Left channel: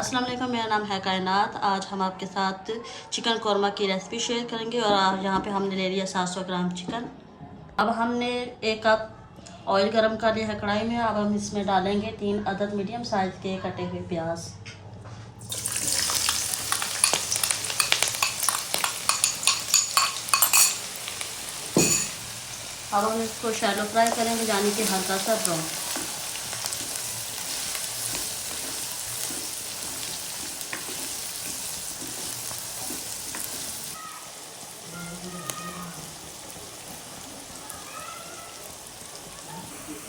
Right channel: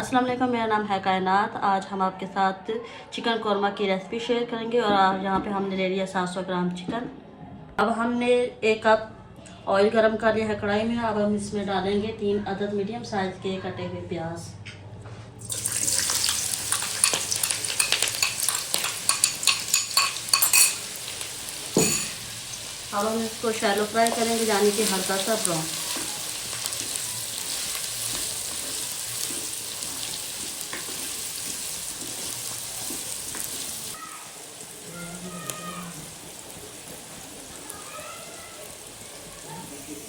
अस्सलाम वालेकुम, मेरा नाम है कायनात। आज हम आपके साथ चिकन कौरमा की रेसिपी शेयर करेंगे। और यहाँ पे हमने ले लिया 700 ग्राम चिकन। अब हमने 1 कप ऑयल गरम कर लिया है कढ़ाई में। अब हम इसमें डालेंगे 3 अदद मीडियम साइज़ के कटे हुए प्याज। अब हम इसको शैलो फ्राई करेंगे, यानी कि हल्का सा ब्राउन।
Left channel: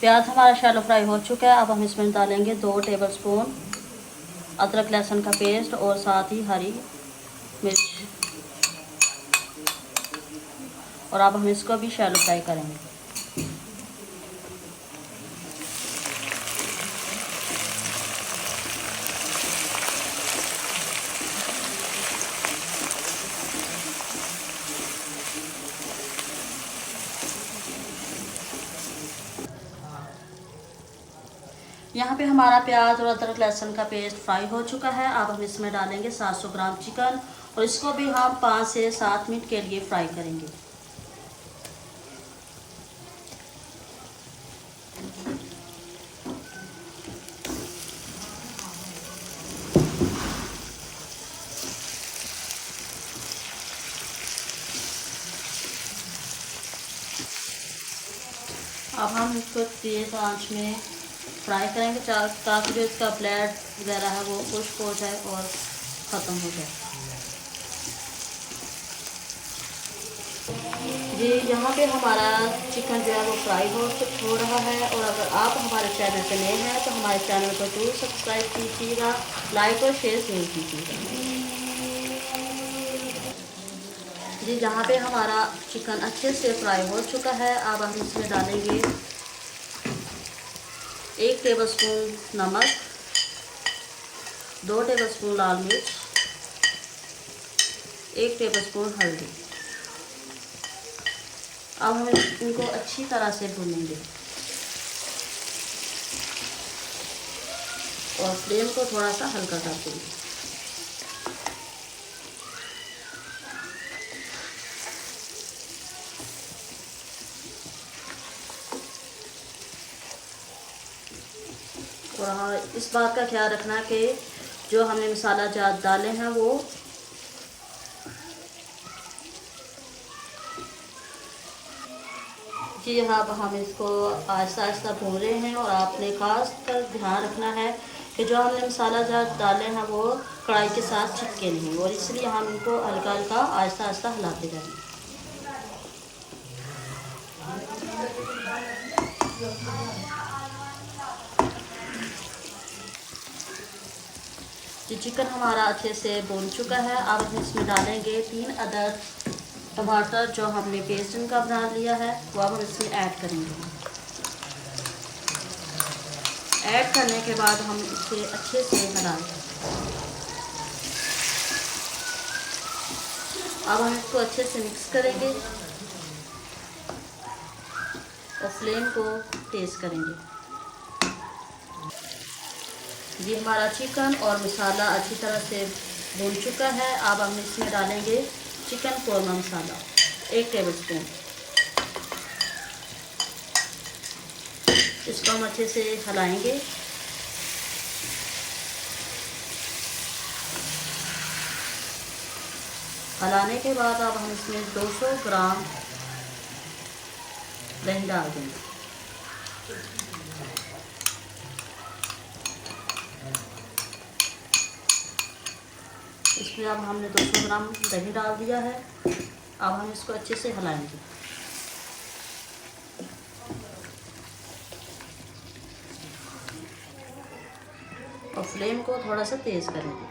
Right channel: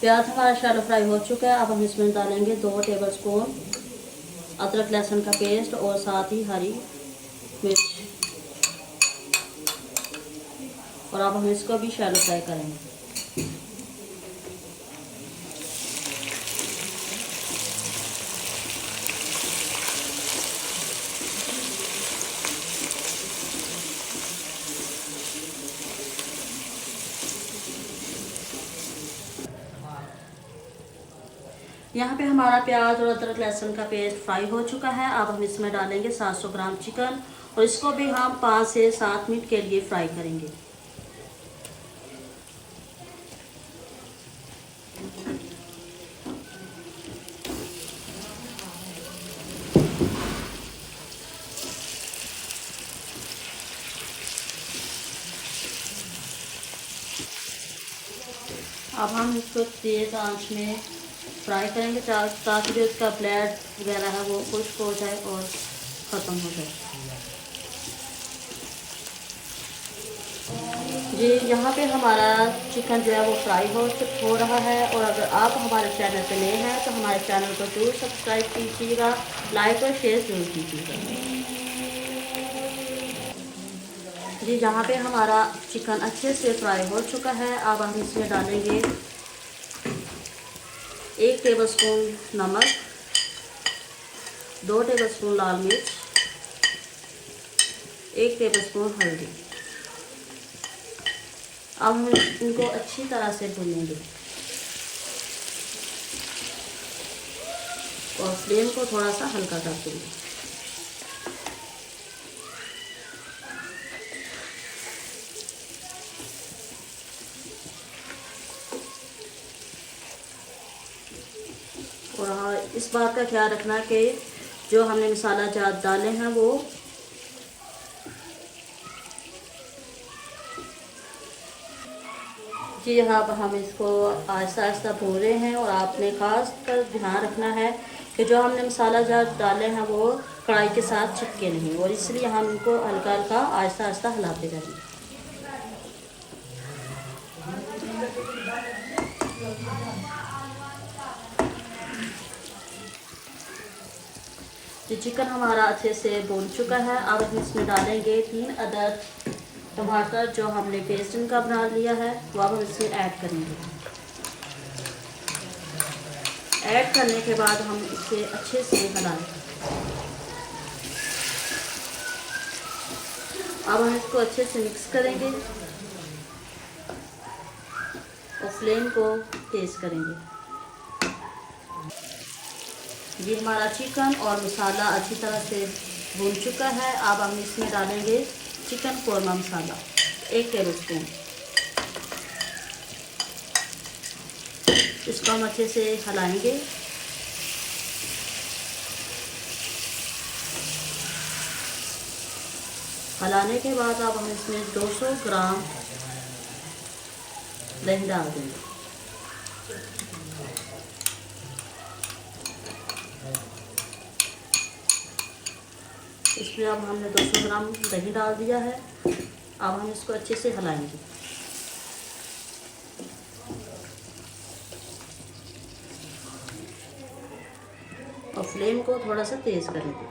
प्याज हमारा शैलो फ्राई हो चुका है। अब हम इसमें डालेंगे 2 टेबलस्पून अदरक लहसुन का पेस्ट और साथ ही हरी मिर्च। और अब हम इसको भी शैलो फ्राई करेंगे। यहाँ पे हमारा प्याज और अदरक लहसुन का पेस्ट फ्राई हो चुका है। अब हम इसमें डालेंगे 700 ग्राम चिकन और इसको भी हम 5 से 7 मिनट के लिए फ्राई करेंगे। अब हम इसको तेज़ आंच में फ्राई करेंगे ताकि जो इसका ब्लड वगैरह है वो खुश्क हो जाए और ख़त्म हो जाए। जी, यहाँ पे हमारा चिकन जो है वो फ्राई हो रहा है। और अगर आप हमारे चैनल पे नए हैं तो हमारे चैनल को जरूर सब्सक्राइब कीजिएगा, लाइक और शेयर जरूर कीजिएगा। जी, यहाँ पे हमारा चिकन अच्छे से फ्राई हो चुका है। अब हम इसमें डालेंगे 1 टेबलस्पून नमक, 2 टेबलस्पून लाल मिर्च, 1 टेबलस्पून हल्दी। अब हम इनको अच्छी तरह से भूनेंगे और फ्लेम को थोड़ा सा हल्का कर देंगे। और हाँ, इस बात का ख्याल रखना कि जो हमने मसाला जात डाले हैं वो जी हाँ, अब हम इसको आहिस्ता आहिस्ता भून रहे हैं। और आपने ख़ास कर ध्यान रखना है कि जो हमने मसाला जात डाले हैं वो कढ़ाई के साथ चिपके नहीं, और इसलिए हम इनको हल्का हल्का आहिस्ता आहिस्ता हिलाते रहेंगे। ये चिकन हमारा अच्छे से भून चुका है। अब हम इसमें डालेंगे 3 अदद टमाटर जो हमने पेस्ट इनका बना लिया है, वो अब हम इसमें ऐड करेंगे। ऐड करने के बाद हम इसे अच्छे से हिलाएंगे। अब हम इसको अच्छे से मिक्स करेंगे और फ्लेम को तेज़ करेंगे। ये हमारा चिकन और मसाला अच्छी तरह से भून चुका है। अब हम इसमें डालेंगे चिकन कौरमा मसाला 1 टेबलस्पून। इसको हम अच्छे से हिलाएंगे। हिलाने के बाद अब हम इसमें 200 ग्राम दही डाल देंगे। इसमें अब हमने 200 ग्राम दही डाल दिया है। अब हम इसको अच्छे से हिलाएंगे। और फ्लेम को थोड़ा सा तेज़ करेंगे।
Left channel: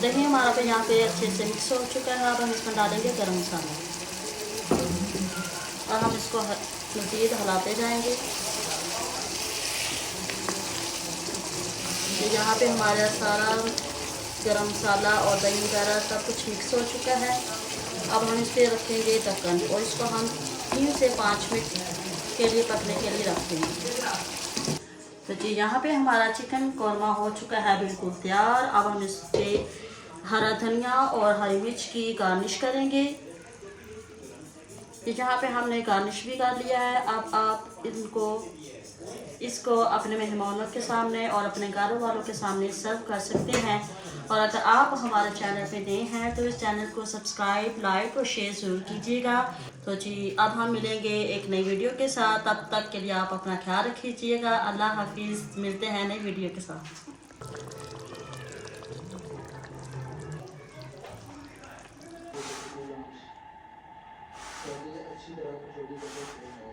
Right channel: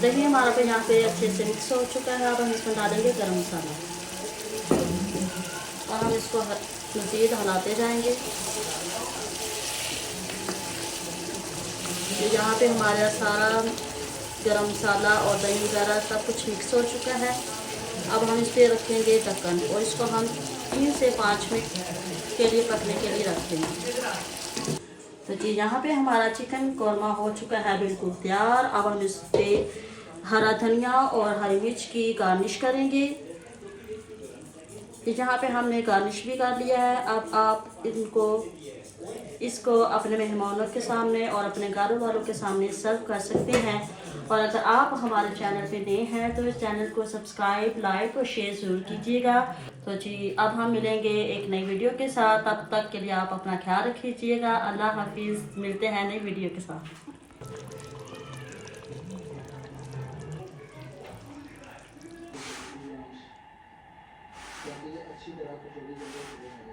दही हमारा पे यहाँ पे अच्छे से मिक्स हो चुका है। अब हम इसमें डालेंगे गरम मसाला। और हम इसको मज़ीद हिलाते जाएंगे। तो यहाँ पे हमारा सारा गरम मसाला और दही वगैरह सब कुछ मिक्स हो चुका है। अब हम इस पर रखेंगे ढक्कन और इसको हम 3 से 5 मिनट के लिए पकने के लिए रख देंगे। तो जी यहाँ पे हमारा चिकन कौरमा हो चुका है बिल्कुल तैयार। अब हम इस पर हरा धनिया और हरी मिर्च की गार्निश करेंगे। यहाँ पे हमने गार्निश भी कर लिया है। अब आप इसको अपने मेहमानों के सामने और अपने घर वालों के सामने सर्व कर सकते हैं। और अगर आप हमारे चैनल पे नए हैं तो इस चैनल को सब्सक्राइब, लाइक और शेयर ज़रूर कीजिएगा। तो जी अब हम मिलेंगे एक नई वीडियो के साथ। तब तक के लिए आप अपना ख्याल रखिएगा। अल्लाह हाफिज़। मिलते हैं नई वीडियो के साथ। अच्छी तरह